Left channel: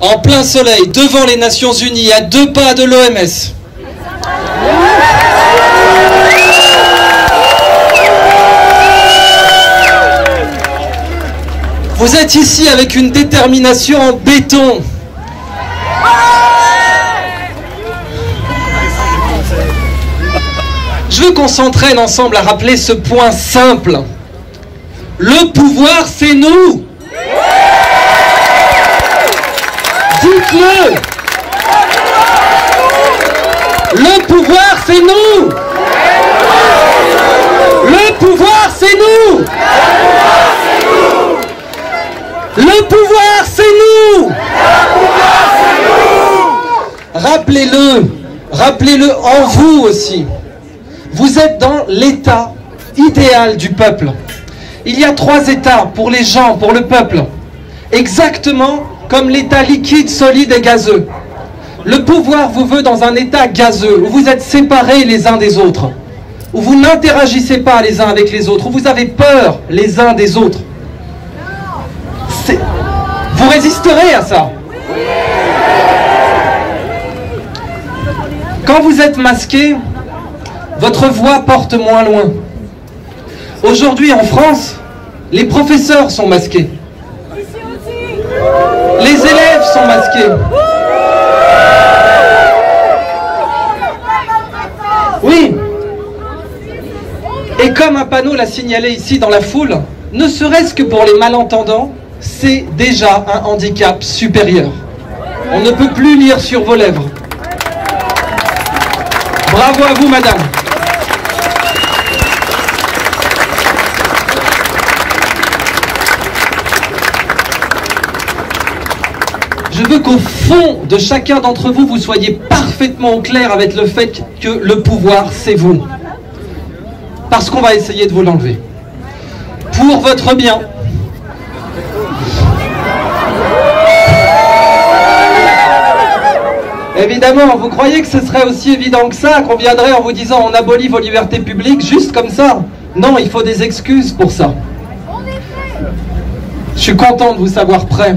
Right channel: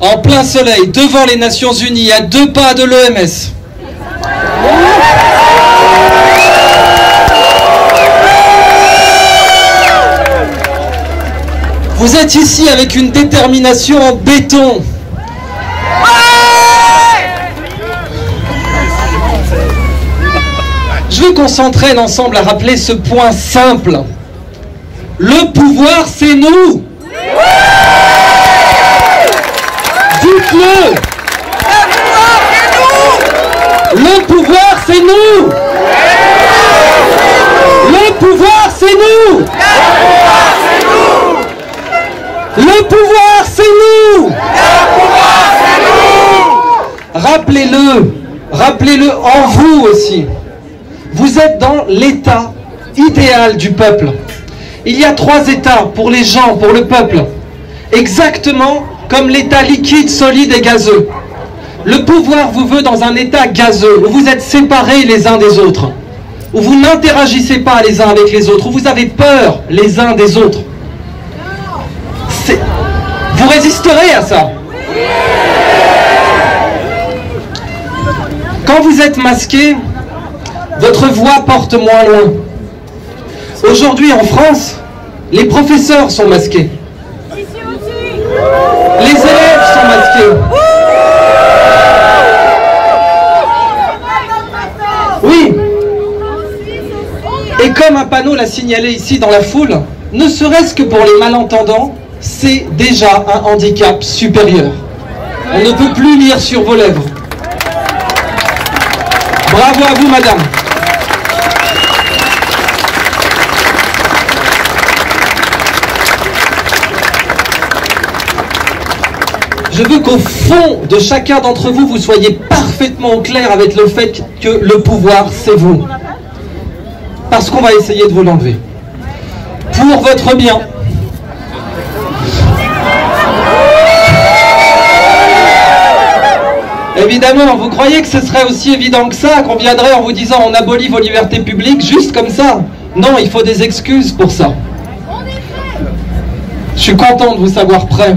en plein soleil, devant les Nations Unies, à 2 pas de l'OMS. Vous êtes ici avec une détermination en béton. Je veux qu'on s'entraîne ensemble à rappeler ce point simple. Le pouvoir, c'est nous. Dites-le. Le pouvoir, c'est nous. Le pouvoir, c'est nous. Le pouvoir, c'est nous. Rappelez-le. Rappelez-le en vous aussi. Vous êtes dans l'état idéal du peuple. Il y a 3 états pour les gens, pour le peuple. Exactement comme l'état liquide, solide et gazeux. Le pouvoir vous veut dans un état gazeux, où vous êtes séparés les uns des autres, où vous n'interagissez pas les uns avec les autres, où vous avez peur les uns des autres. Vous résisterez à ça. Quand vous êtes masqué, votre voix porte moins loin. Aujourd'hui en France, les professeurs sont masqués. Les élèves sont masqués. Oui. Et comme un panneau l'a signalé ici dans la foule, ne serait-ce que pour les malentendants, c'est déjà un handicap supérieur. On ne peut plus lire sur vos lèvres. Bravo à vous, madame. Je veux qu'au fond de chacun d'entre vous, vous soyez parfaitement au clair avec le fait que le pouvoir, c'est vous. Parce qu'on va essayer de vous l'enlever. Pour votre bien. Évidemment, vous croyez que ce serait aussi évident que ça, qu'on viendrait en vous disant on abolit vos libertés publiques juste comme ça? Non, il faut des excuses pour ça. Je suis content de vous savoir prêt.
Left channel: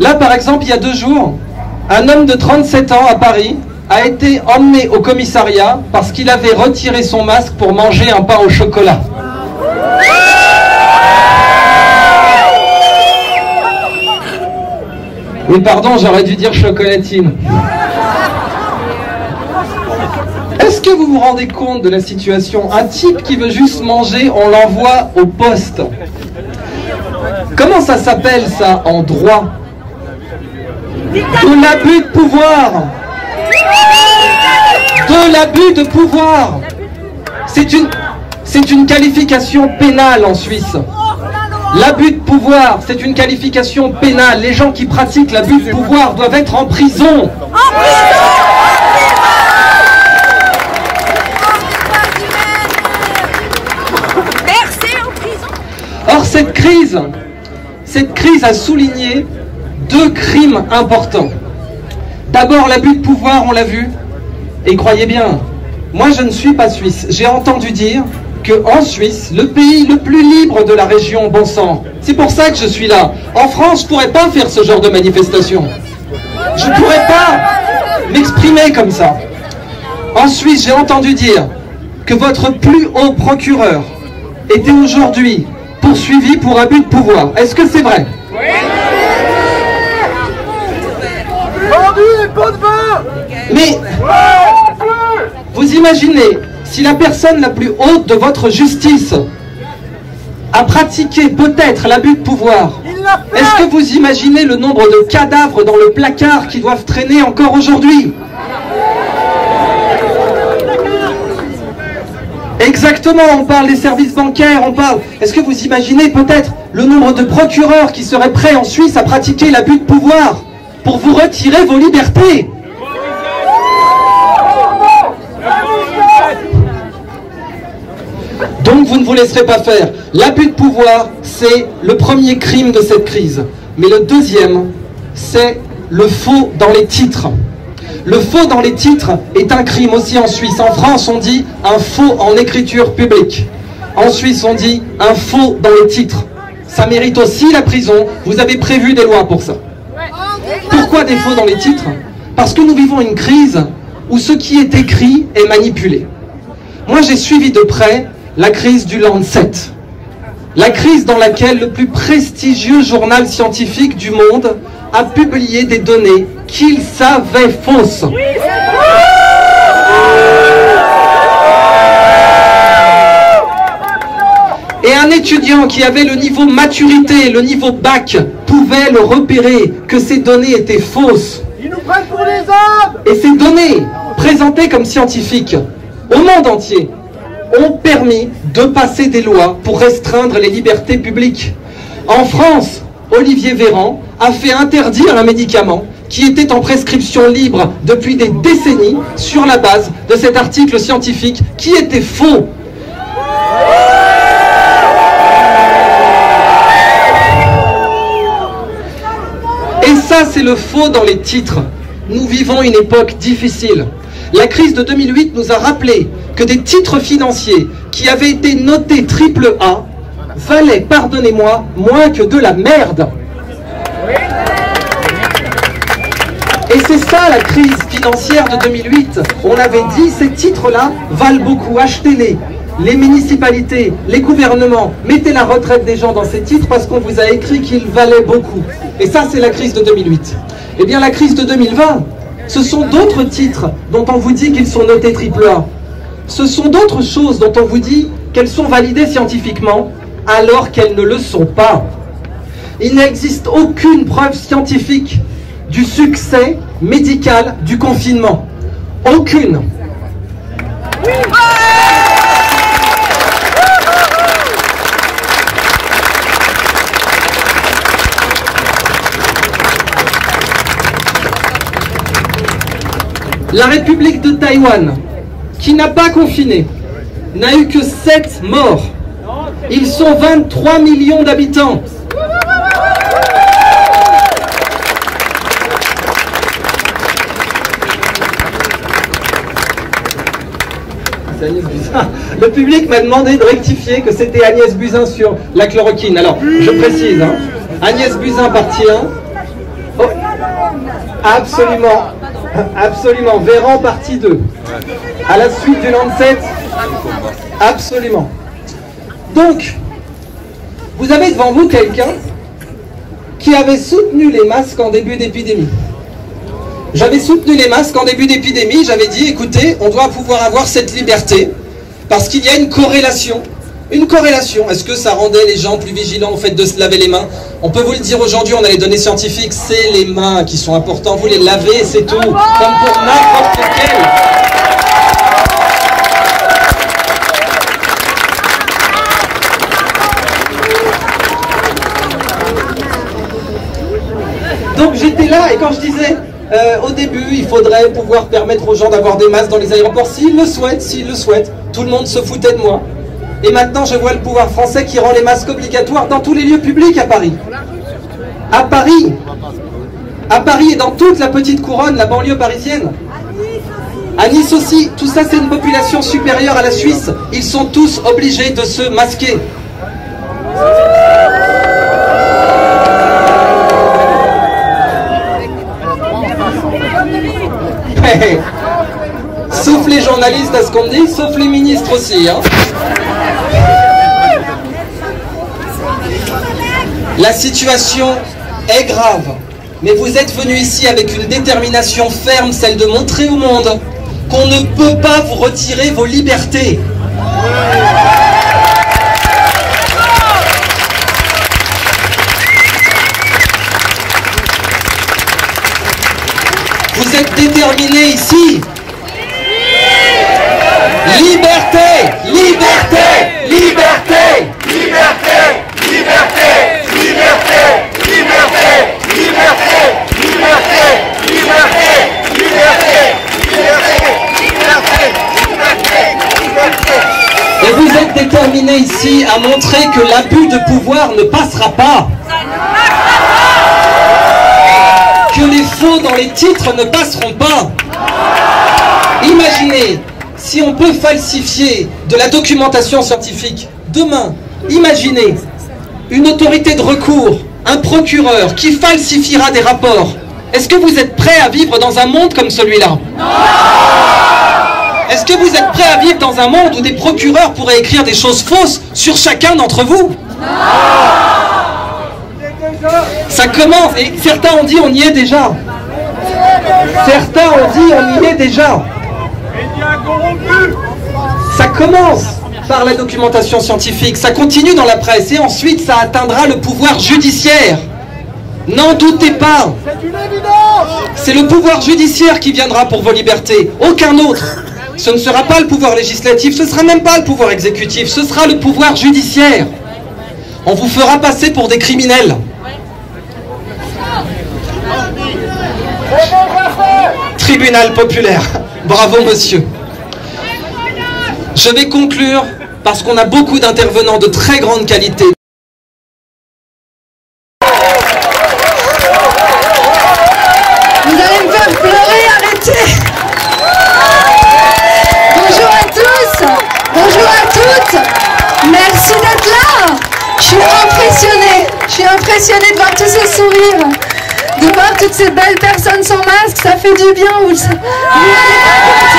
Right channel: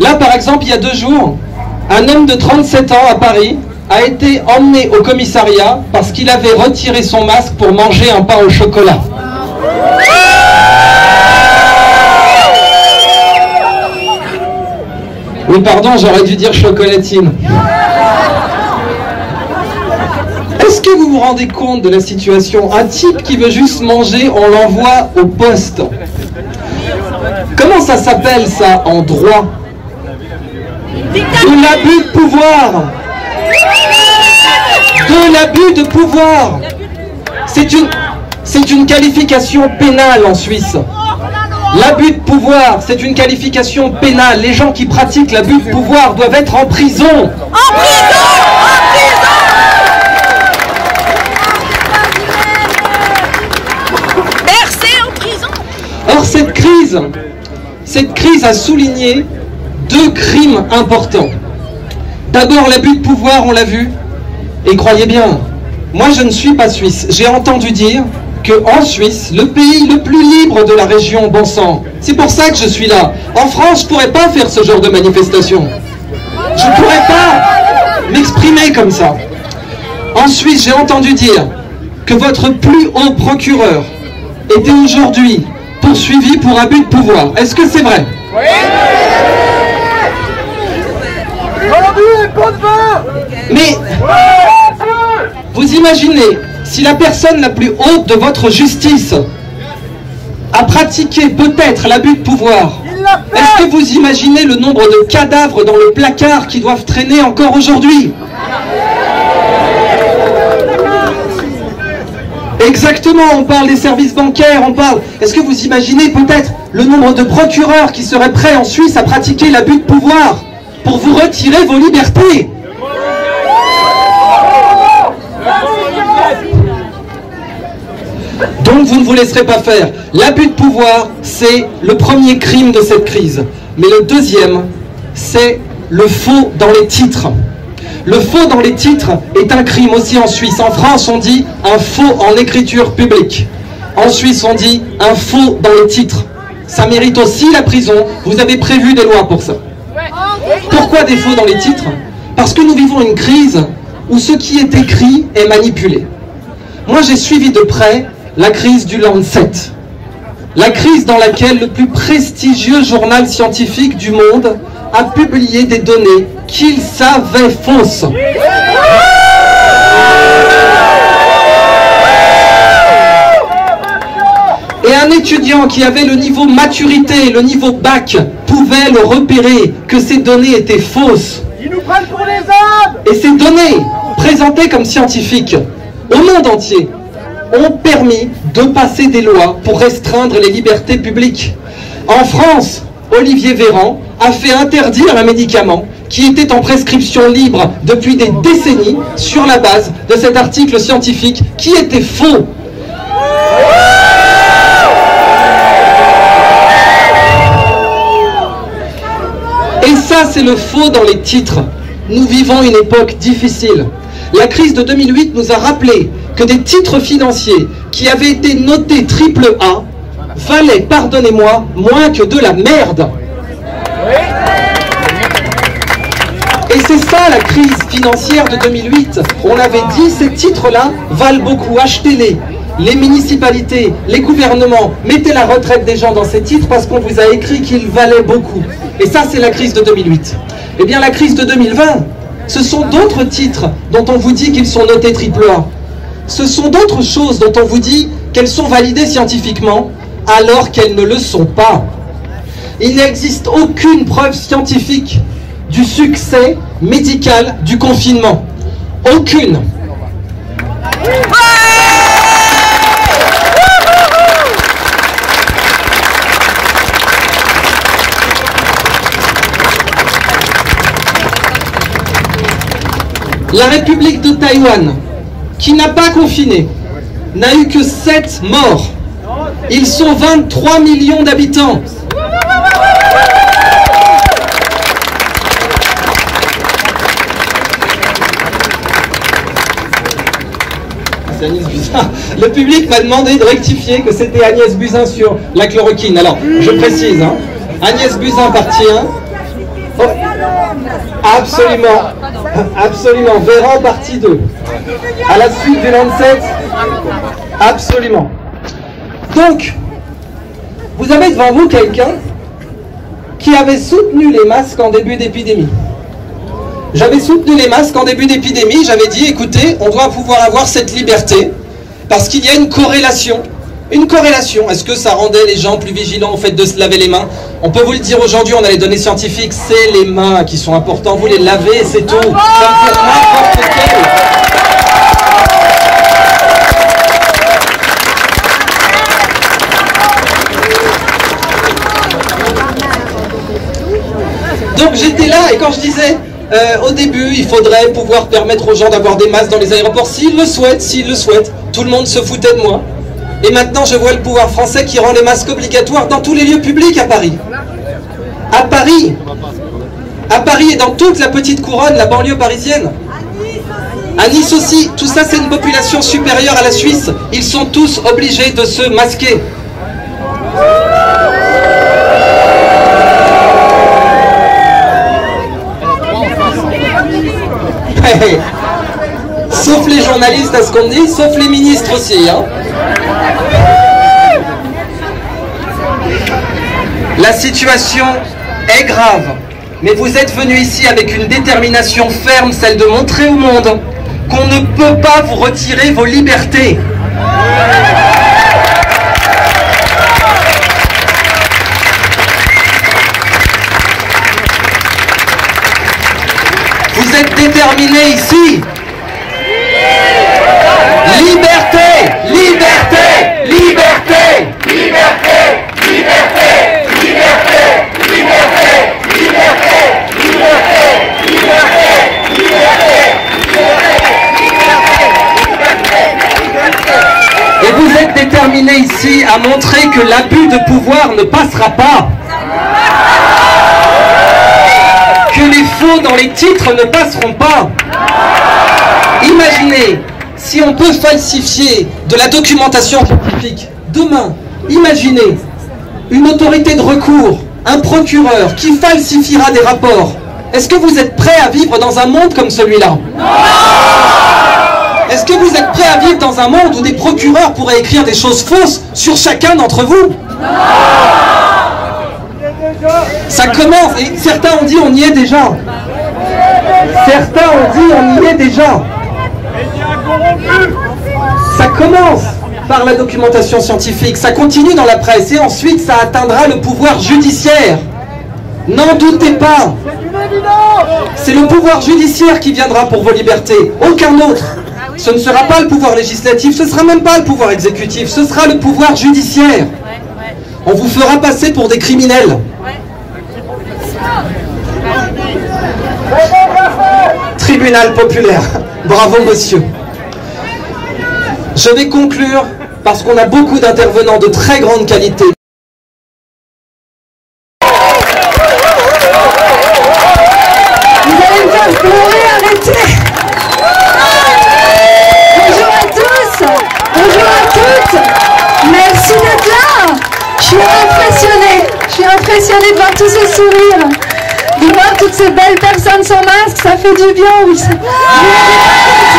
Là, par exemple, il y a 2 jours, un homme de 37 ans à Paris a été emmené au commissariat parce qu'il avait retiré son masque pour manger un pain au chocolat. Oui, pardon, j'aurais dû dire chocolatine. Est-ce que vous vous rendez compte de la situation? Un type qui veut juste manger, on l'envoie au poste. Comment ça s'appelle ça en droit? De l'abus de pouvoir. De l'abus de pouvoir. C'est une qualification pénale en Suisse. L'abus de pouvoir, c'est une qualification pénale. Les gens qui pratiquent l'abus de pouvoir doivent être en prison. En prison! Bercé en prison. Or, cette crise a souligné 2 crimes importants. D'abord, l'abus de pouvoir, on l'a vu. Et croyez bien, moi je ne suis pas suisse. J'ai entendu dire qu'en Suisse, le pays le plus libre de la région, bon sang, c'est pour ça que je suis là. En France, je ne pourrais pas faire ce genre de manifestation. Je ne pourrais pas m'exprimer comme ça. En Suisse, j'ai entendu dire que votre plus haut procureur était aujourd'hui poursuivi pour abus de pouvoir. Est-ce que c'est vrai? Mais vous imaginez, si la personne la plus haute de votre justice a pratiqué peut-être l'abus de pouvoir, est-ce que vous imaginez le nombre de cadavres dans le placard qui doivent traîner encore aujourd'hui? Exactement, on parle des services bancaires, on parle... Est-ce que vous imaginez peut-être le nombre de procureurs qui seraient prêts en Suisse à pratiquer l'abus de pouvoir pour vous retirer vos libertés? Donc vous ne vous laisserez pas faire. L'abus de pouvoir, c'est le premier crime de cette crise. Mais le deuxième, c'est le faux dans les titres. Le faux dans les titres est un crime aussi en Suisse. En France, on dit un faux en écriture publique. En Suisse, on dit un faux dans les titres. Ça mérite aussi la prison. Vous avez prévu des lois pour ça. Pourquoi des faux dans les titres? Parce que nous vivons une crise où ce qui est écrit est manipulé. Moi, j'ai suivi de près la crise du Lancet. La crise dans laquelle le plus prestigieux journal scientifique du monde a publié des données qu'il savait fausses. Et un étudiant qui avait le niveau maturité, le niveau bac, pouvait le repérer que ces données étaient fausses. Ils nous prennent pour les âmes. Et ces données, présentées comme scientifiques au monde entier, ont permis de passer des lois pour restreindre les libertés publiques. En France, Olivier Véran a fait interdire un médicament qui était en prescription libre depuis des décennies sur la base de cet article scientifique qui était faux. Et ça, c'est le faux dans les titres. Nous vivons une époque difficile. La crise de 2008 nous a rappelé que des titres financiers qui avaient été notés AAA valaient, pardonnez-moi, moins que de la merde. Et c'est ça la crise financière de 2008. On avait dit, ces titres-là valent beaucoup, achetez-les. Les municipalités, les gouvernements, mettez la retraite des gens dans ces titres parce qu'on vous a écrit qu'ils valaient beaucoup. Et ça, c'est la crise de 2008. Eh bien, la crise de 2020, ce sont d'autres titres dont on vous dit qu'ils sont notés AAA. Ce sont d'autres choses dont on vous dit qu'elles sont validées scientifiquement, alors qu'elles ne le sont pas. Il n'existe aucune preuve scientifique du succès médical du confinement. Aucune. La République de Taïwan, qui n'a pas confiné, n'a eu que 7 morts. Ils sont 23 millions d'habitants. C'est Agnès Buzyn. Le public m'a demandé de rectifier que c'était Agnès Buzyn sur la chloroquine. Alors, je précise, hein, Agnès Buzyn partie 1. Oh, absolument. Absolument. Véran partie 2. À la suite du Lancet. Absolument. Donc, vous avez devant vous quelqu'un qui avait soutenu les masques en début d'épidémie. J'avais soutenu les masques en début d'épidémie, j'avais dit, écoutez, on doit pouvoir avoir cette liberté, parce qu'il y a une corrélation. Une corrélation. Est-ce que ça rendait les gens plus vigilants au fait de se laver les mains? On peut vous le dire aujourd'hui, on a les données scientifiques, c'est les mains qui sont importantes, vous les lavez, c'est tout. Comme pour n'importe quel. Donc j'étais là, et quand je disais, au début, il faudrait pouvoir permettre aux gens d'avoir des masques dans les aéroports, s'ils le souhaitent, tout le monde se foutait de moi. Et maintenant, je vois le pouvoir français qui rend les masques obligatoires dans tous les lieux publics à Paris. À Paris et dans toute la petite couronne, la banlieue parisienne. À Nice aussi, tout ça c'est une population supérieure à la Suisse. Ils sont tous obligés de se masquer. Sauf les journalistes à ce qu'on dit, sauf les ministres aussi, hein. La situation est grave, mais vous êtes venus ici avec une détermination ferme, celle de montrer au monde qu'on ne peut pas vous retirer vos libertés. Vous êtes déterminés ici. Liberté, liberté, liberté, liberté, liberté, liberté, liberté, liberté, liberté, liberté, liberté, liberté. Et vous êtes déterminés ici à montrer que l'abus de pouvoir ne passera pas. Que les faux dans les titres ne passeront pas. Imaginez, si on peut falsifier de la documentation scientifique, demain, imaginez une autorité de recours, un procureur qui falsifiera des rapports Est-ce que vous êtes prêts à vivre dans un monde comme celui-là? Est-ce que vous êtes prêts à vivre dans un monde où des procureurs pourraient écrire des choses fausses sur chacun d'entre vous? Ça commence, et certains ont dit on y est déjà. Certains ont dit on y est déjà. Ça commence par la documentation scientifique, ça continue dans la presse et ensuite ça atteindra le pouvoir judiciaire. N'en doutez pas. C'est le pouvoir judiciaire qui viendra pour vos libertés, aucun autre. Ce ne sera pas le pouvoir législatif, ce ne sera même pas le pouvoir exécutif, ce sera le pouvoir judiciaire. On vous fera passer pour des criminels. Tribunal populaire. Bravo monsieur. Je vais conclure parce qu'on a beaucoup d'intervenants de très grande qualité. Vous allez me faire pleurer, arrêtez. Bonjour à tous, bonjour à toutes. Merci d'être là. Je suis impressionnée de voir tous ces sourires, de voir toutes ces belles personnes sans masque, ça fait du bien. Vous vous rendez pas compte.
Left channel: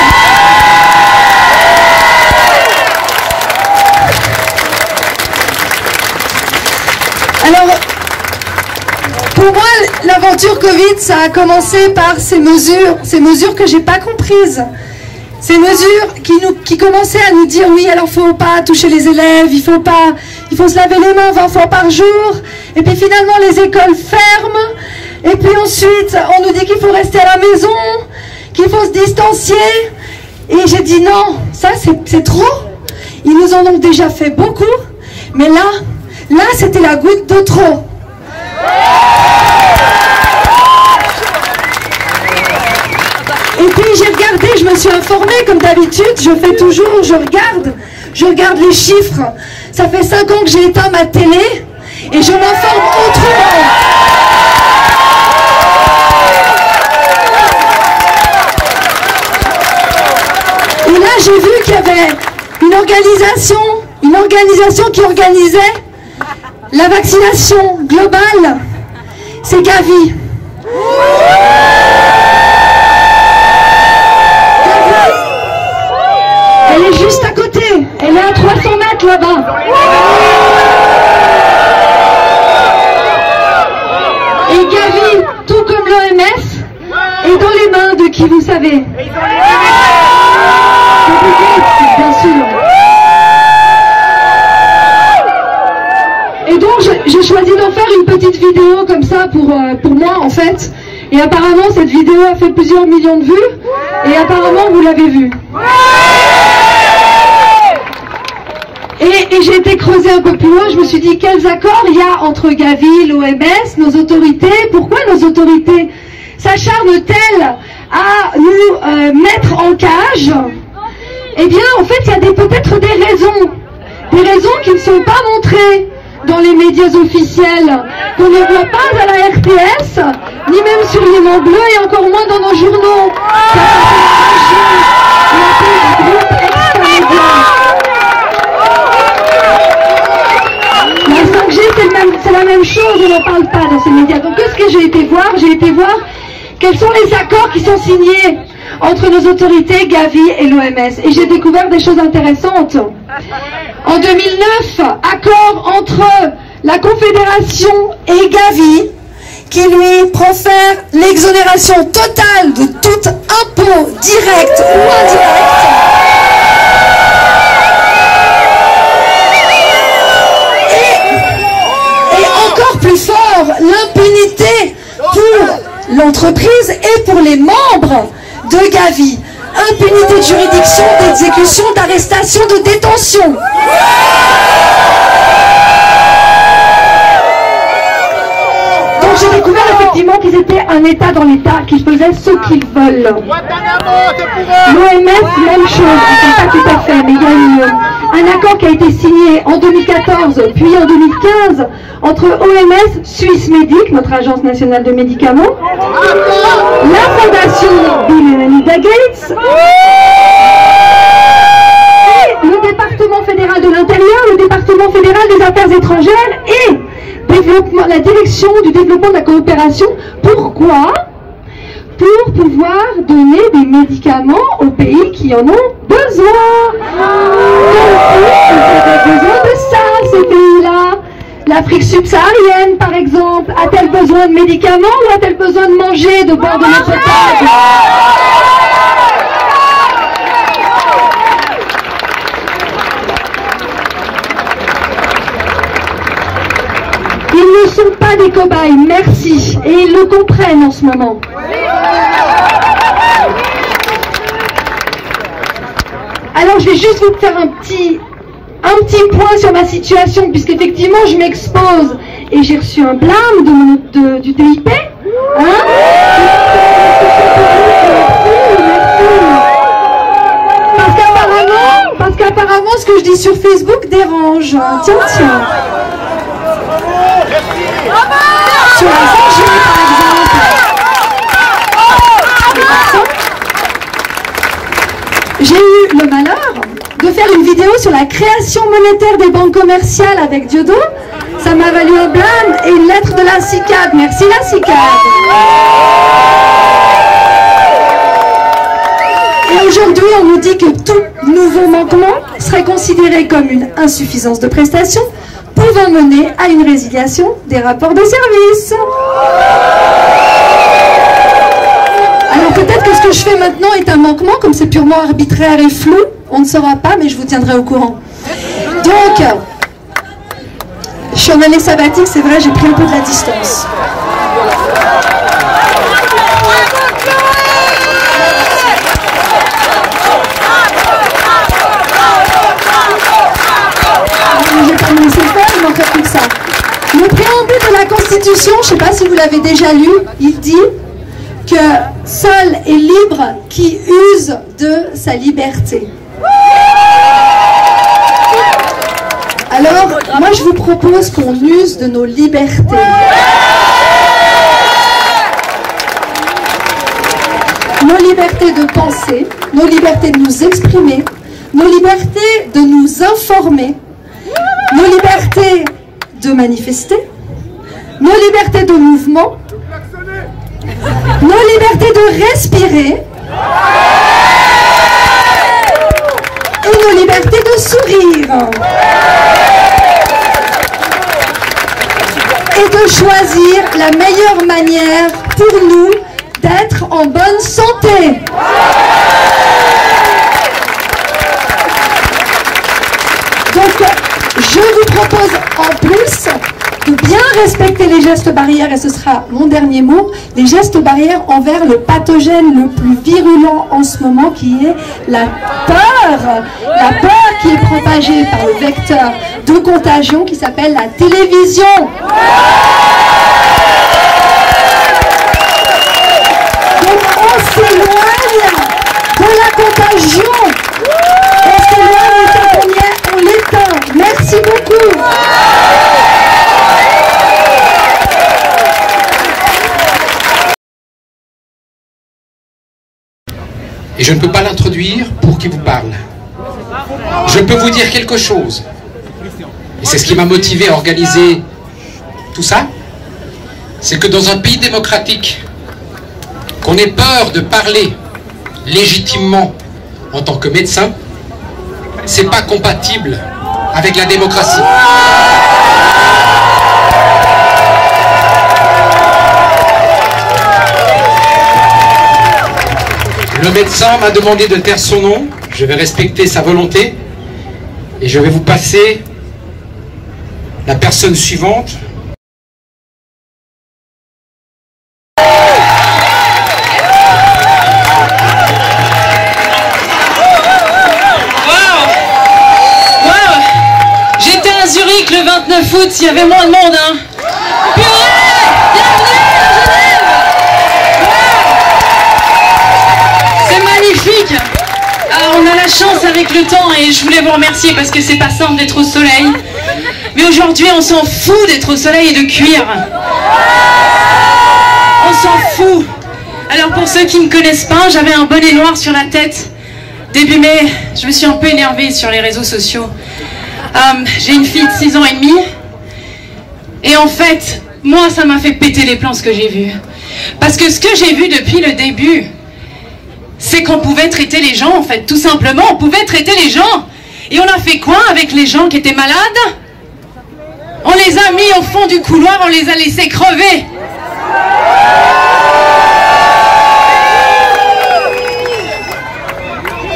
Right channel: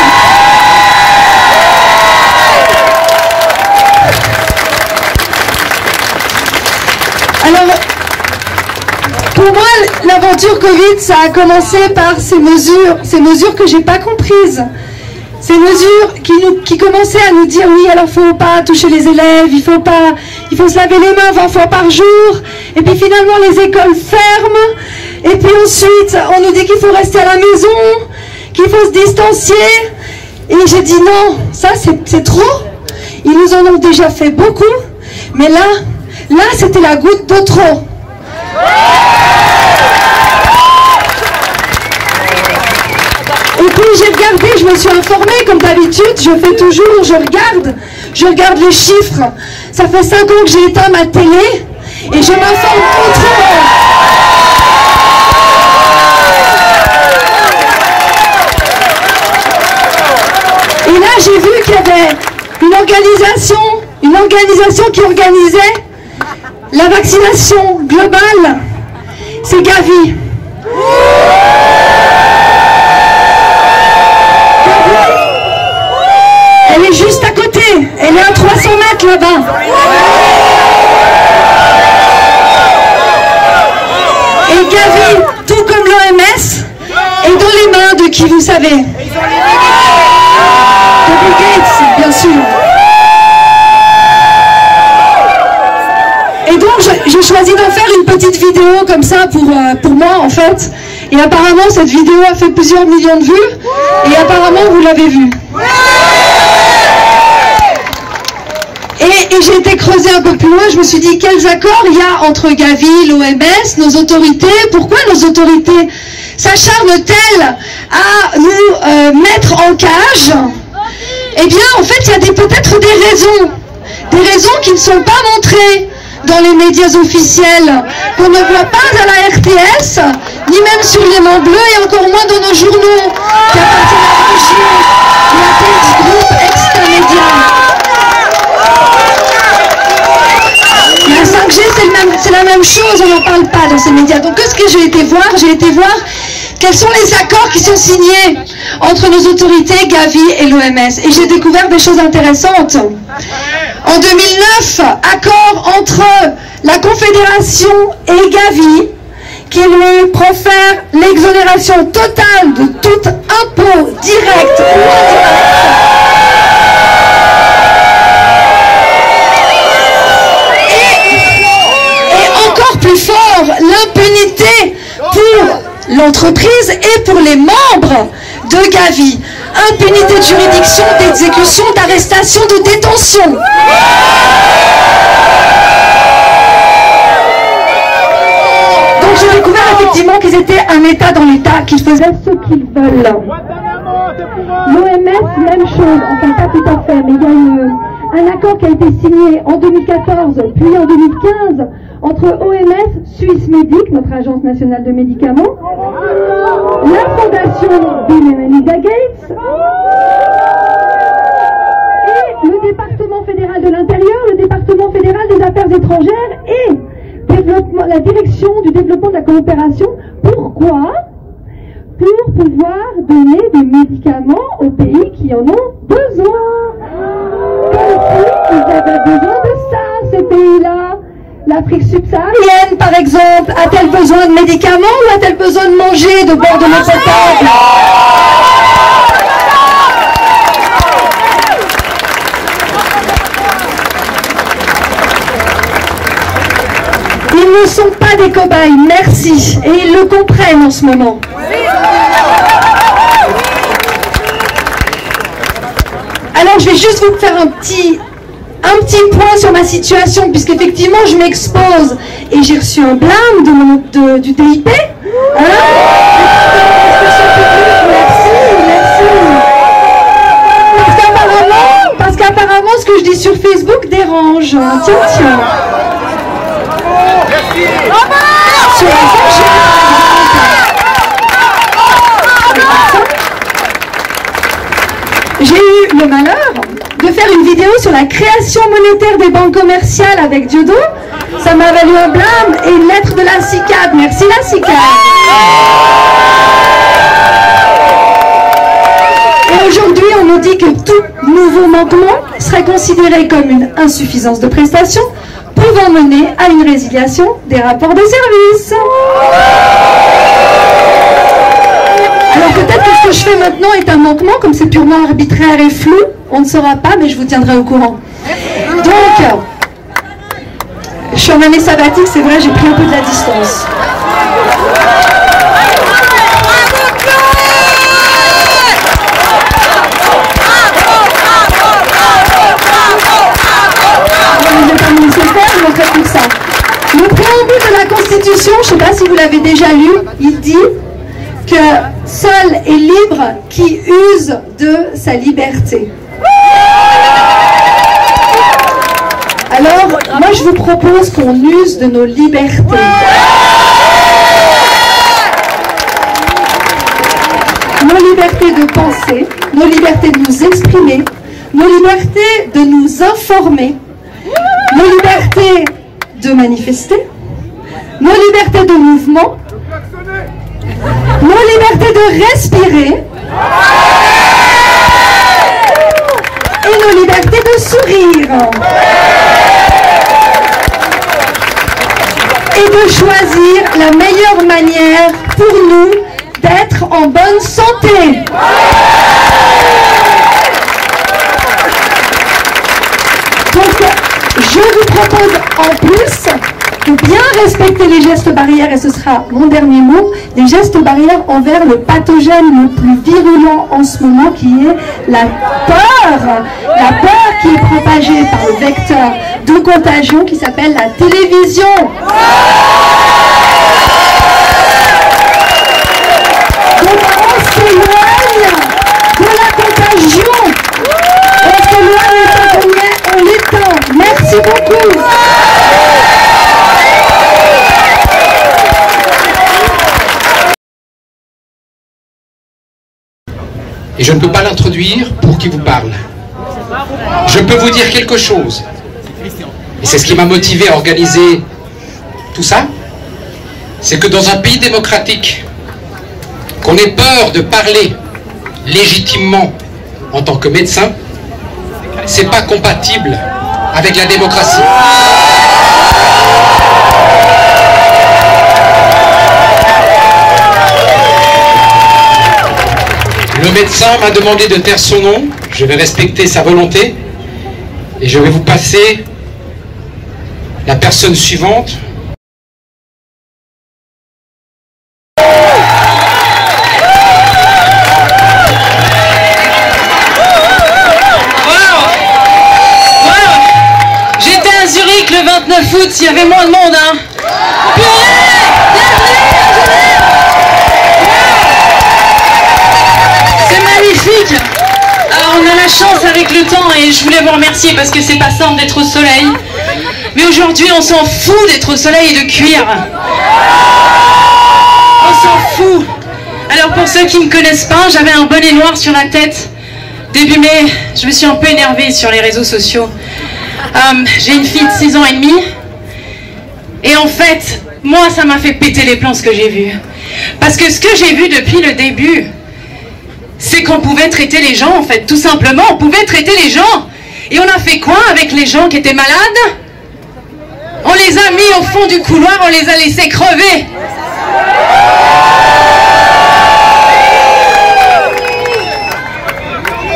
Alors, pour moi, l'aventure Covid, ça a commencé par ces mesures que j'ai pas comprises. Ces mesures qui commençaient à nous dire, oui, alors faut pas toucher les élèves, il faut se laver les mains 20 fois par jour, et puis finalement les écoles ferment, et puis ensuite on nous dit qu'il faut rester à la maison, qu'il faut se distancier, et j'ai dit non, ça c'est trop, ils nous en ont déjà fait beaucoup, mais là c'était la goutte de trop. Et puis j'ai regardé, je me suis informée comme d'habitude, je fais toujours, je regarde les chiffres. Ça fait 5 ans que j'ai éteint ma télé et je m'informe autrement. Et là j'ai vu qu'il y avait une organisation qui organisait la vaccination globale. C'est Gavi. Elle est juste à côté, elle est à 300 mètres là-bas. Et Gavi, tout comme l'OMS, est dans les mains de qui vous savez? De Bill Gates, bien sûr. Et donc j'ai choisi d'en faire une petite vidéo comme ça pour moi en fait. Et apparemment cette vidéo a fait plusieurs millions de vues. Et apparemment vous l'avez vue. Et j'ai été creuser un peu plus loin, je me suis dit quels accords il y a entre Gavi, l'OMS, nos autorités. Pourquoi nos autorités s'acharnent-elles à nous mettre en cage? Eh bien en fait il y a peut-être des raisons qui ne sont pas montrées dans les médias officiels, qu'on ne voit pas à la RTS, ni même sur les Mains Bleues, et encore moins dans nos journaux, qui appartiennent à Régis et à Petit Groupe Extra-Média. La 5G, c'est la même chose, on n'en parle pas dans ces médias. Donc qu'est-ce que j'ai été voir? J'ai été voir quels sont les accords qui sont signés entre nos autorités, Gavi et l'OMS. Et j'ai découvert des choses intéressantes. En 2009, accord entre la Confédération et Gavi qui profère l'exonération totale de tout impôt direct ou indirect. Et encore plus fort, l'impunité pour l'entreprise et pour les membres de Gavi. Impunité de juridiction, d'exécution, d'arrestation, de détention. Donc j'ai découvert effectivement qu'ils étaient un État dans l'État, qu'ils faisaient ce qu'ils veulent. L'OMS, même chose, enfin pas tout à fait, mais il y a un accord qui a été signé en 2014 puis en 2015 entre OMS, Swissmedic, notre agence nationale de médicaments, la fondation Bill et Melinda Gates et le département fédéral de l'intérieur, le département fédéral des affaires étrangères et la direction du développement de la coopération. Pourquoi? pour pouvoir donner des médicaments aux pays qui en ont besoin. Comme si ils avaient besoin de ça, ces pays-là. L'Afrique subsaharienne, par exemple, a-t-elle besoin de médicaments ou a-t-elle besoin de manger, de boire de l'eau potable? Ils ne sont pas des cobayes, merci, et ils le comprennent en ce moment. Alors je vais juste vous faire un petit point sur ma situation, puisqu'effectivement je m'expose et j'ai reçu un blâme du DIP. Hein? Parce qu'apparemment ce que je dis sur Facebook dérange. Tiens. Sur la j'ai eu le malheur de faire une vidéo sur la création monétaire des banques commerciales avec Diodo. Ça m'a valu un blâme et une lettre de la CICAD. Merci la CICAD. Et aujourd'hui, on nous dit que tout nouveau manquement serait considéré comme une insuffisance de prestation, pouvant mener à une résiliation des rapports de service. Alors peut-être que ce que je fais maintenant est un manquement, comme c'est purement arbitraire et flou, on ne saura pas, mais je vous tiendrai au courant. Donc, je suis en année sabbatique, c'est vrai, j'ai pris un peu de la distance. Je ne vais pas me laisser faire, je m'en fais tout ça. Le préambule de la Constitution, je ne sais pas si vous l'avez déjà lu, il dit que seul est libre qui use de sa liberté. Alors, moi je vous propose qu'on use de nos libertés. Nos libertés de penser, nos libertés de nous exprimer, nos libertés de nous informer, nos libertés de manifester, nos libertés de mouvement, nos libertés de respirer et nos libertés de sourire et de choisir la meilleure manière pour nous d'être en bonne santé. Donc je vous propose en plus de bien respecter les gestes barrières, et ce sera mon dernier mot, les gestes barrières envers le pathogène le plus virulent en ce moment, qui est la peur qui est propagée par le vecteur de contagion qui s'appelle la télévision. Donc on s'éloigne de la contagion, on s'éloigne et tant qu'on y est, on l'éteint. Merci beaucoup. Et je ne peux pas l'introduire pour qu'il vous parle. Je peux vous dire quelque chose. Et c'est ce qui m'a motivé à organiser tout ça. C'est que dans un pays démocratique, qu'on ait peur de parler légitimement en tant que médecin, c'est pas compatible avec la démocratie. Le médecin m'a demandé de taire son nom, je vais respecter sa volonté et je vais vous passer la personne suivante. J'étais à Zurich le 29 août, il y avait moins de monde, hein. Alors on a la chance avec le temps et je voulais vous remercier parce que c'est pas simple d'être au soleil. Mais aujourd'hui on s'en fout d'être au soleil et de cuire. On s'en fout. Alors pour ceux qui ne me connaissent pas, j'avais un bonnet noir sur la tête. Début mai, je me suis un peu énervée sur les réseaux sociaux. J'ai une fille de 6 ans et demi. Et en fait, moi ça m'a fait péter les plombs ce que j'ai vu. Parce que ce que j'ai vu depuis le début, c'est qu'on pouvait traiter les gens, en fait, tout simplement. On pouvait traiter les gens. Et on a fait quoi avec les gens qui étaient malades? On les a mis au fond du couloir, on les a laissés crever.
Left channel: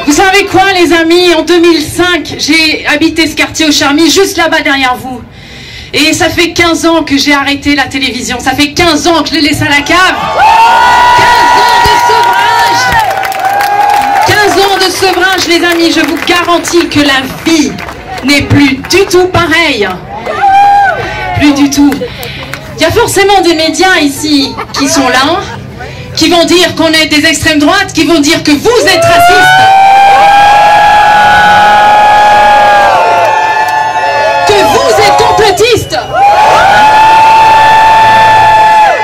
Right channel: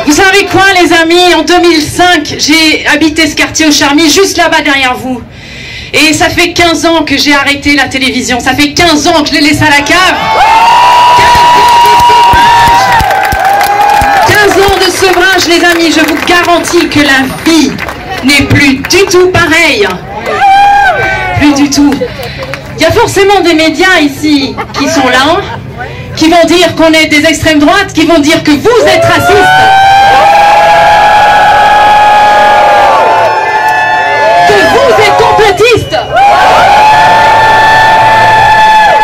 Vous savez quoi, les amis? En 2005, j'ai habité ce quartier au Charmy, juste là-bas derrière vous. Et ça fait 15 ans que j'ai arrêté la télévision. Ça fait 15 ans que je l'ai laissé à la cave. 15 ans de sevrage, les amis. Je vous garantis que la vie n'est plus du tout pareille. Plus du tout. Il y a forcément des médias ici qui sont là, qui vont dire qu'on est des extrêmes droites, qui vont dire que vous êtes racistes. Que vous êtes complotistes.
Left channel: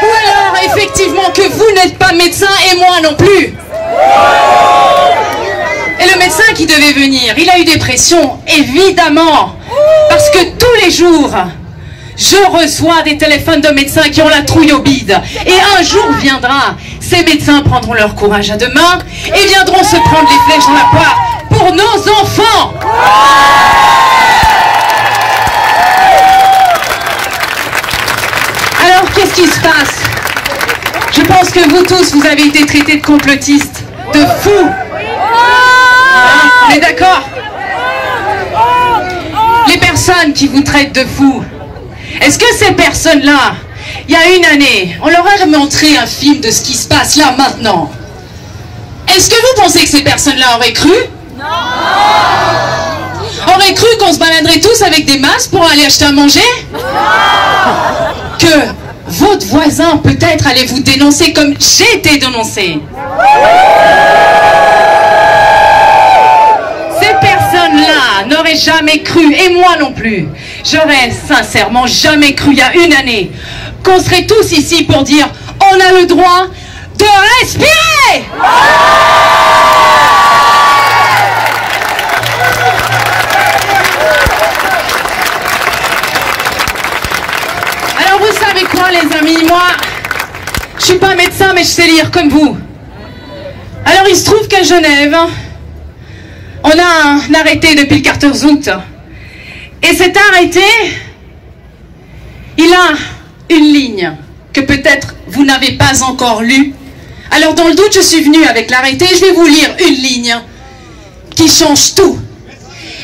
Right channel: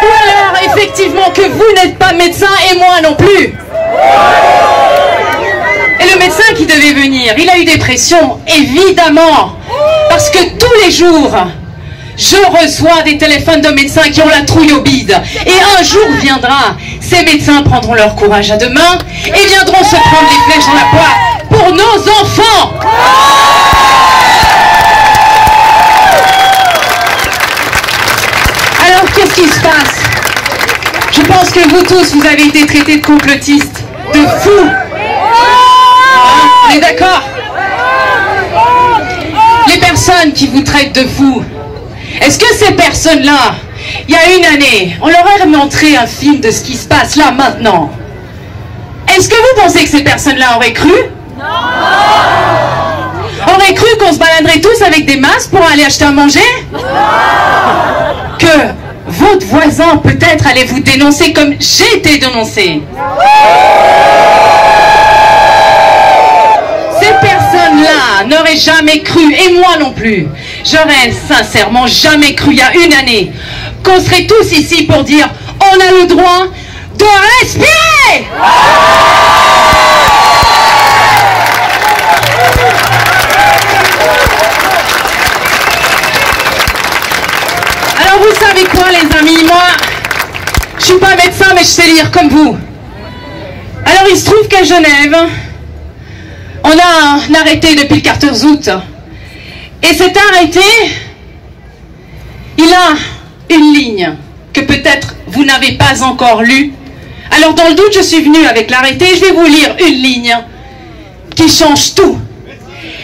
Ou alors, effectivement, que vous n'êtes pas médecin et moi non plus. Et le médecin qui devait venir, il a eu des pressions, évidemment. Parce que tous les jours, je reçois des téléphones de médecins qui ont la trouille au bide. Et un jour viendra, ces médecins prendront leur courage à deux mains et viendront se prendre les flèches dans la poire pour nos enfants. Alors, qu'est-ce qui se passe? Je pense que vous tous, vous avez été traités de complotistes, de fous. Hein? On est d'accord? Les personnes qui vous traitent de fous, est-ce que ces personnes-là, il y a une année, on leur a montré un film de ce qui se passe là maintenant? Est-ce que vous pensez que ces personnes-là auraient cru? Non! Auraient cru qu'on se baladerait tous avec des masques pour aller acheter à manger? Non! Que votre voisin peut-être allait vous dénoncer comme j'ai été dénoncé? Ces personnes-là n'auraient jamais cru, et moi non plus, j'aurais sincèrement jamais cru il y a une année qu'on serait tous ici pour dire on a le droit de respirer. Alors vous savez quoi les amis, moi je suis pas médecin mais je sais lire comme vous. Alors il se trouve qu'à Genève, on a un arrêté depuis le 14 août. Et cet arrêté, il a une ligne que peut-être vous n'avez pas encore lue. Alors dans le doute, je suis venue avec l'arrêté, je vais vous lire une ligne qui change tout.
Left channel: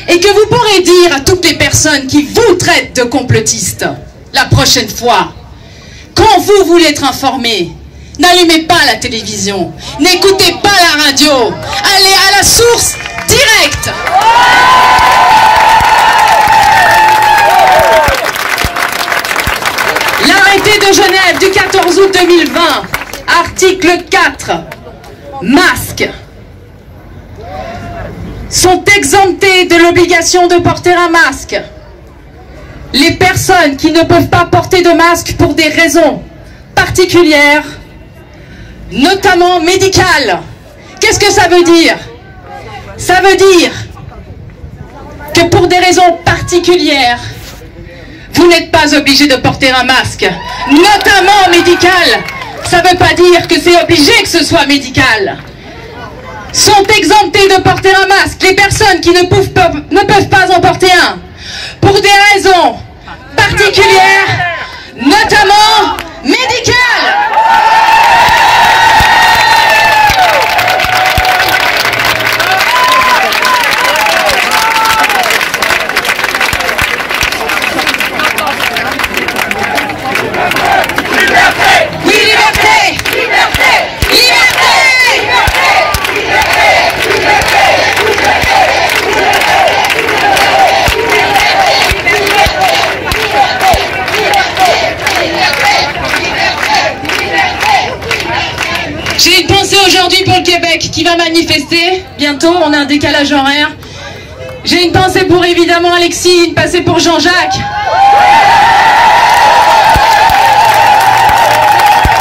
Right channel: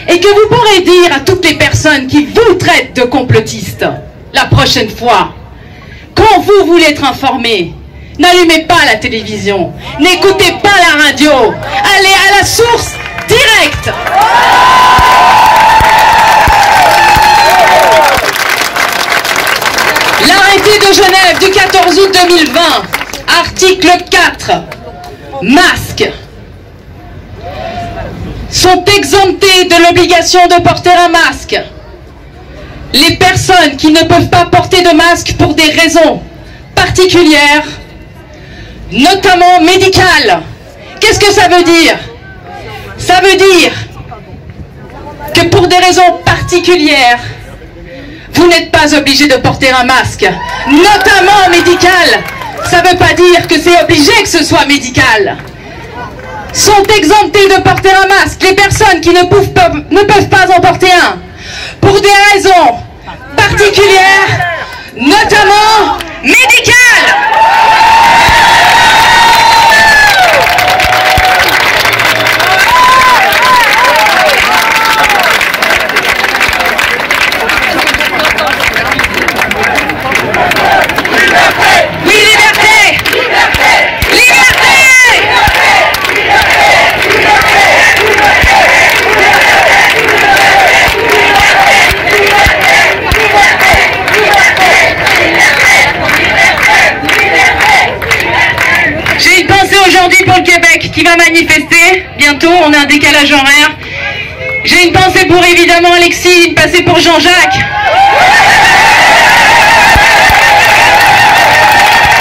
Et que vous pourrez dire à toutes les personnes qui vous traitent de complotistes, la prochaine fois, quand vous voulez être informé, n'allumez pas la télévision, n'écoutez pas la radio, allez à la source directe. L'arrêté de Genève du 14 août 2020, article 4, masques sont exemptés de l'obligation de porter un masque. Les personnes qui ne peuvent pas porter de masque pour des raisons particulières, notamment médicales. Qu'est-ce que ça veut dire? Ça veut dire que pour des raisons particulières, vous n'êtes pas obligé de porter un masque, notamment médical. Ça ne veut pas dire que c'est obligé que ce soit médical. Sont exemptés de porter un masque les personnes qui ne peuvent pas en porter un pour des raisons particulières, notamment médicales. J'ai une pensée aujourd'hui pour le Québec qui va manifester bientôt, on a un décalage horaire. J'ai une pensée pour évidemment Alexis, une pensée pour Jean-Jacques.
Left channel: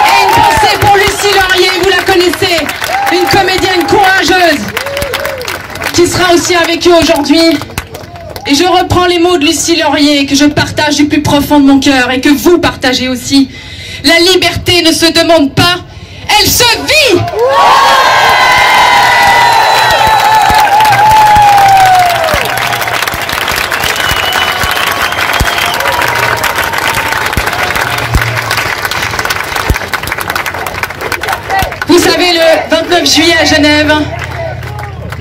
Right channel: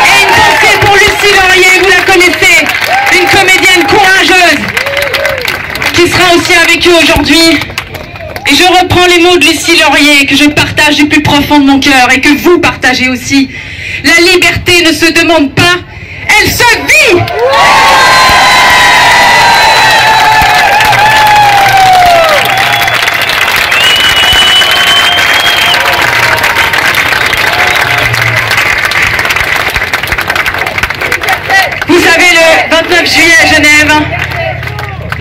Et une pensée pour Lucie Laurier, vous la connaissez, une comédienne courageuse qui sera aussi avec eux aujourd'hui. Et je reprends les mots de Lucie Laurier que je partage du plus profond de mon cœur et que vous partagez aussi. La liberté ne se demande pas, elle se vit. Vous savez, le 29 juillet à Genève,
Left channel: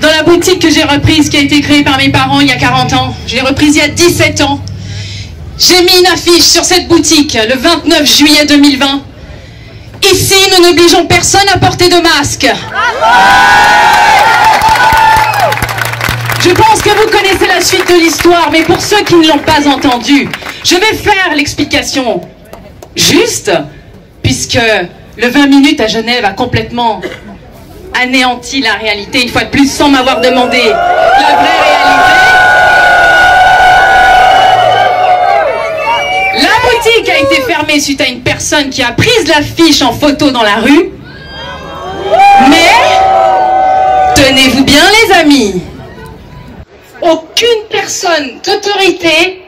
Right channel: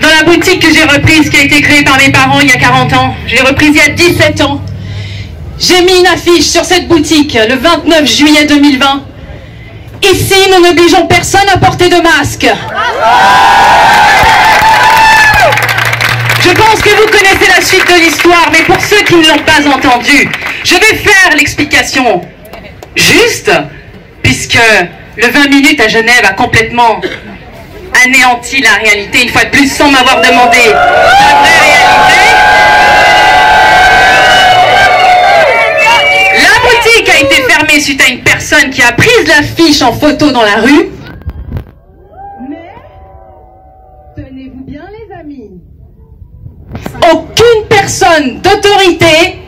dans la boutique que j'ai reprise, qui a été créée par mes parents il y a 40 ans, je l'ai reprise il y a 17 ans, j'ai mis une affiche sur cette boutique le 29 juillet 2020. Ici, nous n'obligeons personne à porter de masque. Je pense que vous connaissez la suite de l'histoire, mais pour ceux qui ne l'ont pas entendu, je vais faire l'explication juste, puisque le 20 minutes à Genève a complètement anéanti la réalité, une fois de plus, sans m'avoir demandé la vraie réalité. La boutique a été fermée suite à une personne qui a pris l'affiche en photo dans la rue. Mais, tenez-vous bien les amis, aucune personne d'autorité,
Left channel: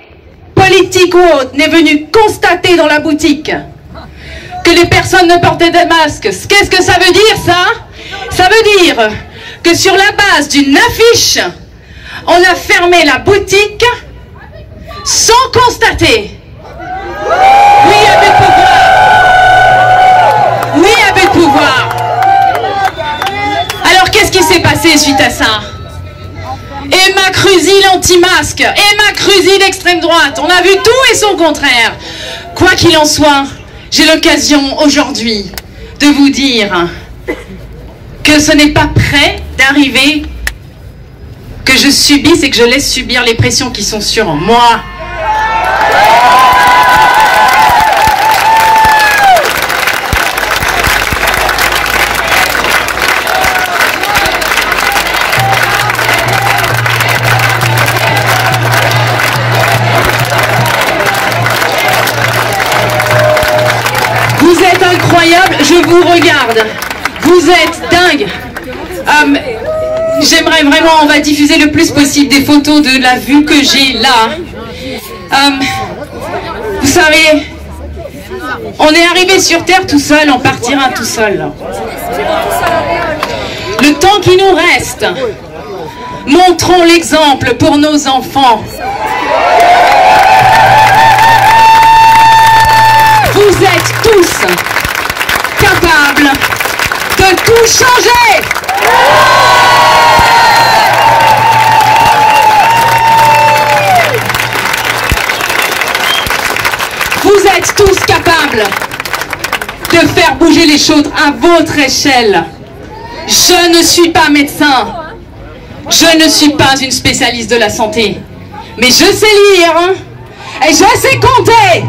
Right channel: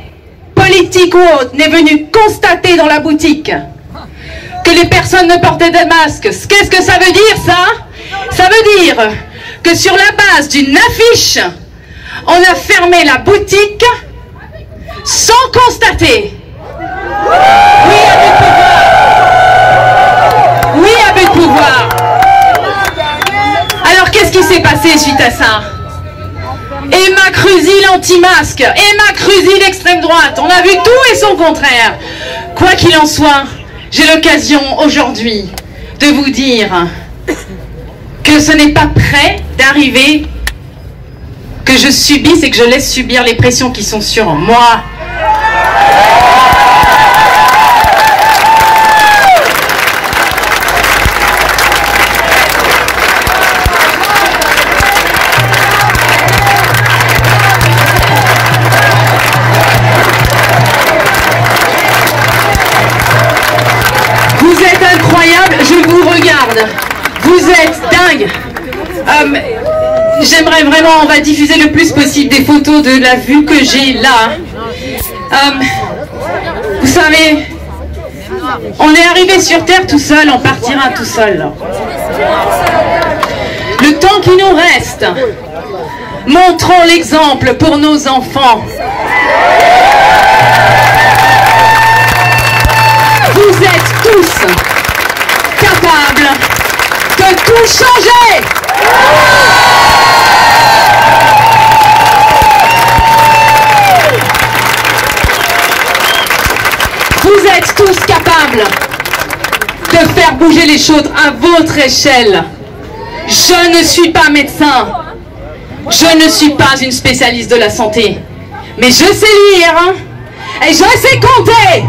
politique ou autre, n'est venue constater dans la boutique que les personnes ne portaient de masque. Qu'est-ce que ça veut dire, ça? Ça veut dire que sur la base d'une affiche, on a fermé la boutique sans constater. Oui, abus de pouvoir. Oui, abus de pouvoir. Alors, qu'est-ce qui s'est passé suite à ça? Emma Cruzy, l'anti-masque. Emma Cruzy, l'extrême droite. On a vu tout et son contraire. Quoi qu'il en soit, j'ai l'occasion aujourd'hui de vous dire que ce n'est pas près d'arriver que je subisse et que je laisse subir les pressions qui sont sur moi. Vous êtes incroyable, je vous regarde. Vous êtes dingue. J'aimerais vraiment, on va diffuser le plus possible des photos de la vue que j'ai là. Vous savez, on est arrivé sur Terre tout seul, on partira tout seul. Le temps qui nous reste, montrons l'exemple pour nos enfants. Vous êtes tous capables de tout changer. Vous êtes tous capables de faire bouger les choses à votre échelle. Je ne suis pas médecin. Je ne suis pas une spécialiste de la santé. Mais je sais lire, hein, et je sais compter.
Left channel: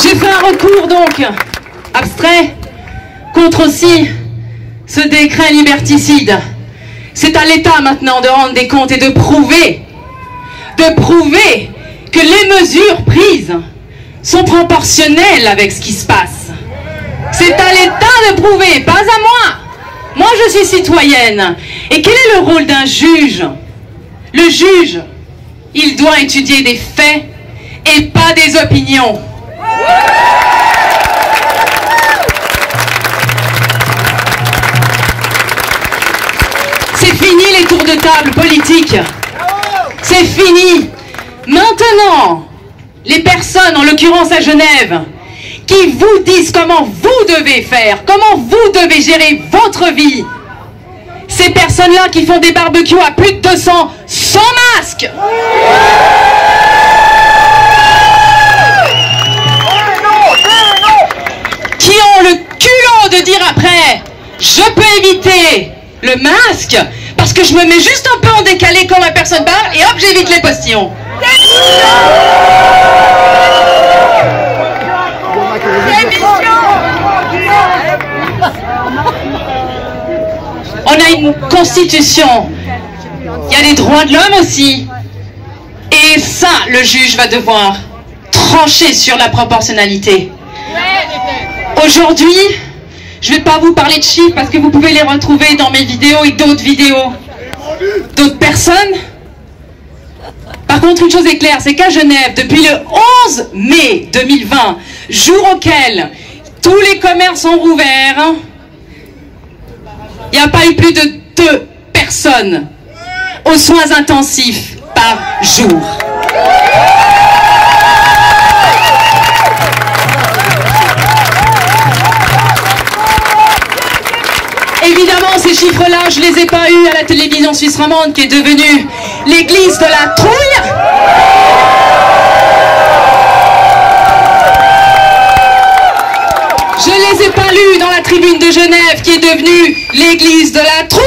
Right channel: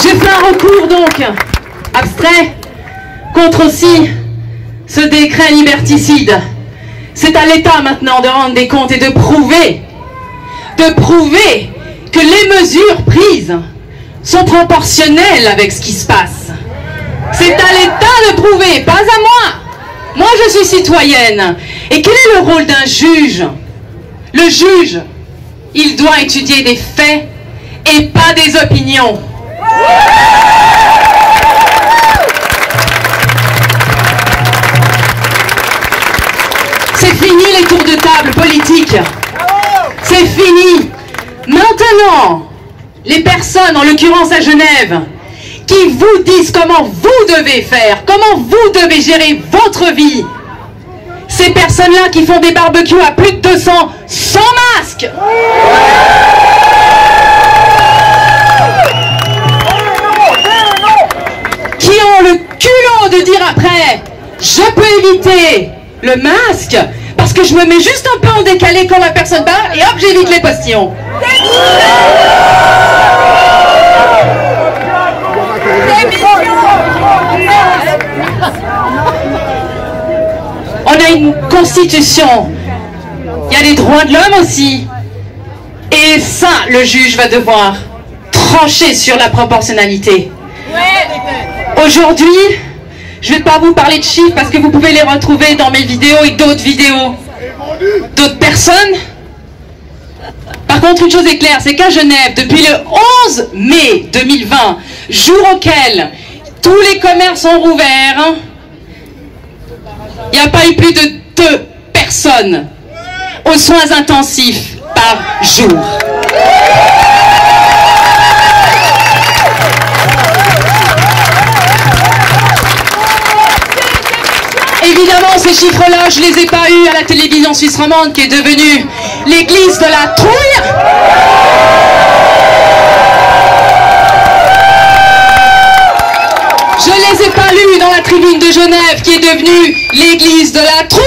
J'ai fait un recours donc abstrait contre aussi ce décret liberticide. C'est à l'État maintenant de rendre des comptes et de prouver que les mesures prises sont proportionnelles avec ce qui se passe. C'est à l'État de prouver, pas à moi. Moi je suis citoyenne. Et quel est le rôle d'un juge? Le juge, il doit étudier des faits et pas des opinions. C'est fini les tours de table politiques. C'est fini. Maintenant, les personnes, en l'occurrence à Genève, qui vous disent comment vous devez faire, comment vous devez gérer votre vie, ces personnes-là qui font des barbecues à plus de 200 sans masque. Qui ont le culot de dire après, je peux éviter le masque parce que je me mets juste un peu en décalé quand la personne parle et hop, j'évite les postillons. On a une constitution, il y a les droits de l'homme aussi. Et ça, le juge va devoir trancher sur la proportionnalité. Aujourd'hui, je ne vais pas vous parler de chiffres parce que vous pouvez les retrouver dans mes vidéos et d'autres vidéos. d'autres personnes. Par contre, une chose est claire, c'est qu'à Genève, depuis le 11 mai 2020, jour auquel tous les commerces ont rouvert, il n'y a pas eu plus de 2 personnes aux soins intensifs par jour. Évidemment, ces chiffres-là, je les ai pas eus à la télévision suisse romande qui est devenue l'église de la trouille. Je les ai pas lus dans la tribune de Genève qui est devenue l'église de la trouille.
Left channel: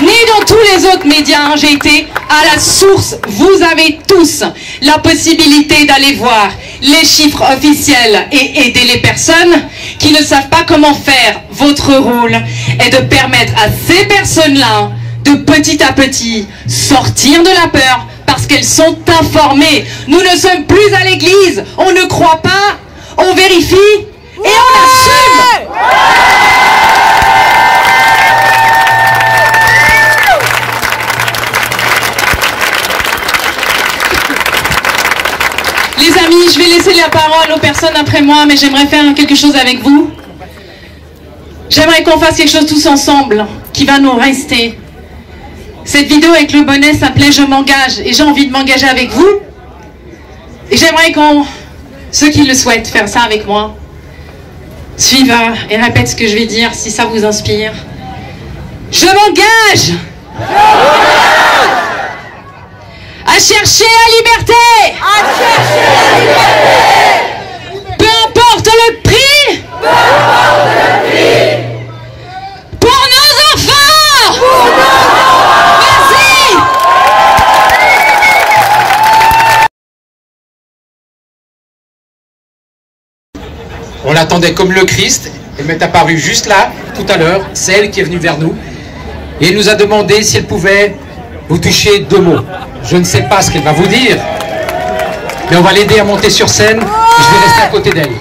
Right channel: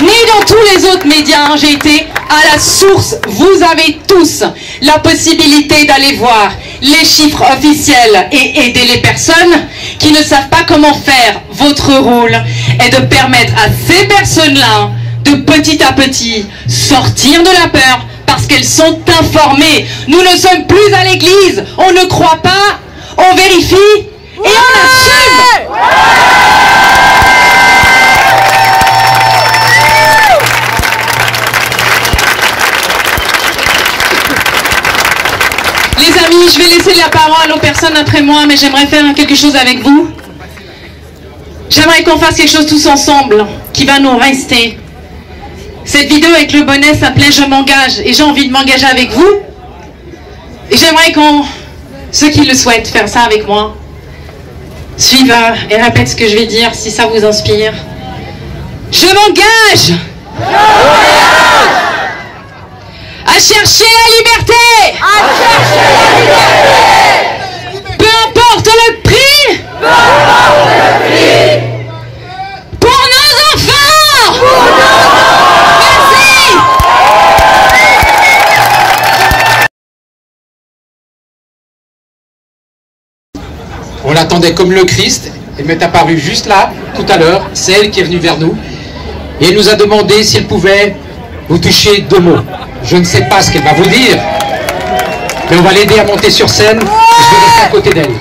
Ni dans tous les autres médias, j'ai été à la source. Vous avez tous la possibilité d'aller voir les chiffres officiels et aider les personnes qui ne savent pas comment faire. Votre rôle est de permettre à ces personnes-là de petit à petit sortir de la peur parce qu'elles sont informées. Nous ne sommes plus à l'église, on ne croit pas, on vérifie et on assume. Les amis, je vais laisser la parole aux personnes après moi, mais j'aimerais faire quelque chose avec vous. J'aimerais qu'on fasse quelque chose tous ensemble, qui va nous rester. Cette vidéo avec le bonnet s'appelait « Je m'engage » et j'ai envie de m'engager avec vous. Et j'aimerais qu'on, ceux qui le souhaitent, faire ça avec moi, suivent et répètent ce que je vais dire, si ça vous inspire. Je m'engage à chercher la liberté. Peu importe le prix. Pour nos enfants. Merci. On l'attendait comme le Christ. Elle m'est apparue juste là, tout à l'heure. C'est elle qui est venue vers nous. Et elle nous a demandé si elle pouvait vous toucher 2 mots. Je ne sais pas ce qu'elle va vous dire, mais on va l'aider à monter sur scène. Et je vais rester à côté d'elle.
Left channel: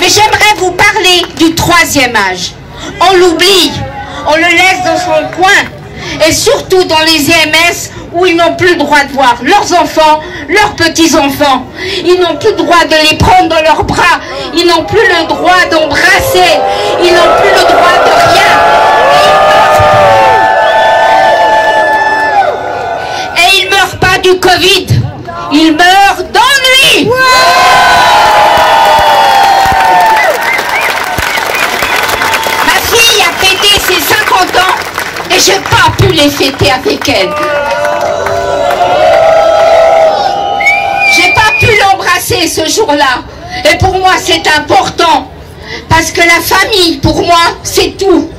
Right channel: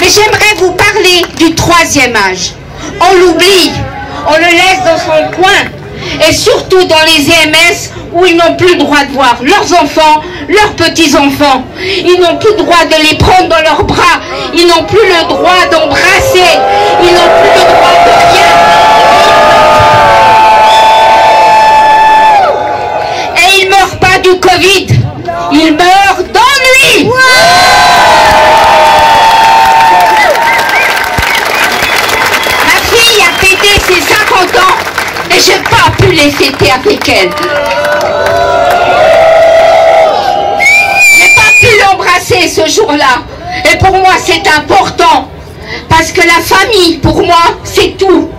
Mais j'aimerais vous parler du 3e âge. On l'oublie, on le laisse dans son coin. Et surtout dans les EMS où ils n'ont plus le droit de voir leurs enfants, leurs petits-enfants. Ils n'ont plus le droit de les prendre dans leurs bras. Ils n'ont plus le droit d'embrasser. Ils n'ont plus le droit de rien. Et ils ne meurent pas du Covid. Ils meurent d'ennui. Ses 50 ans et je n'ai pas pu les fêter avec elle. J'ai pas pu l'embrasser ce jour-là. Et pour moi, c'est important. Parce que la famille, pour moi, c'est tout.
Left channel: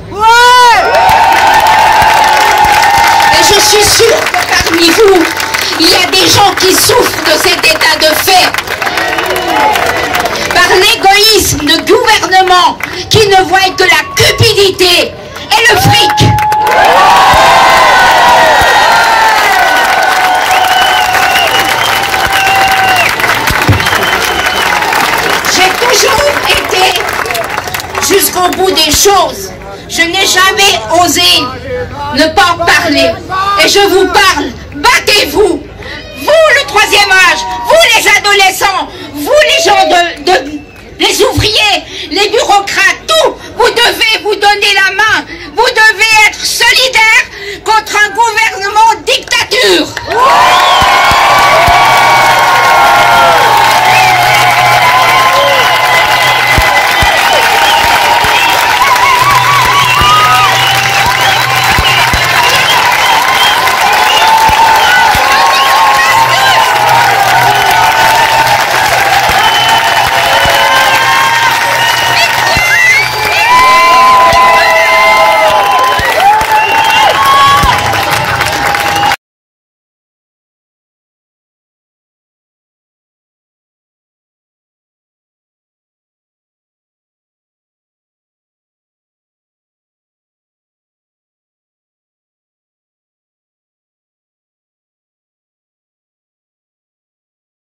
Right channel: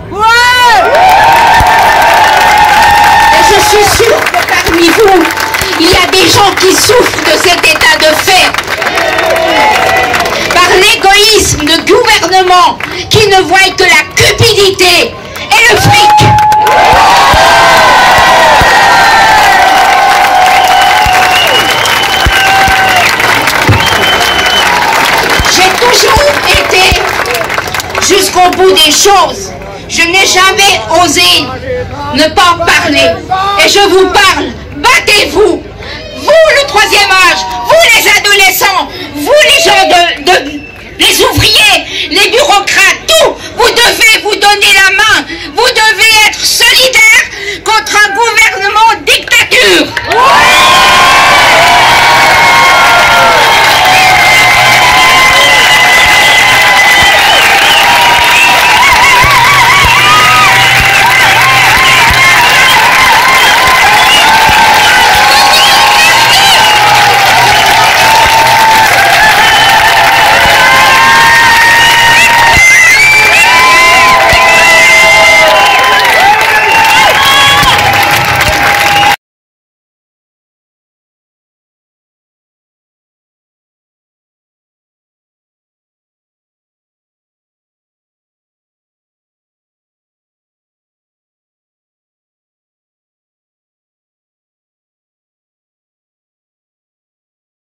Et je suis sûre que parmi vous, il y a des gens qui souffrent de cet état de fait. Par l'égoïsme de gouvernement qui ne voit que la cupidité et le fric. J'ai toujours été jusqu'au bout des choses. Je n'ai jamais osé ne pas en parler. Et je vous parle, battez-vous. Vous, le 3e âge, vous les adolescents, vous les gens les ouvriers, les bureaucrates, tout, vous devez vous donner la main, vous devez être solidaires contre un gouvernement dictature.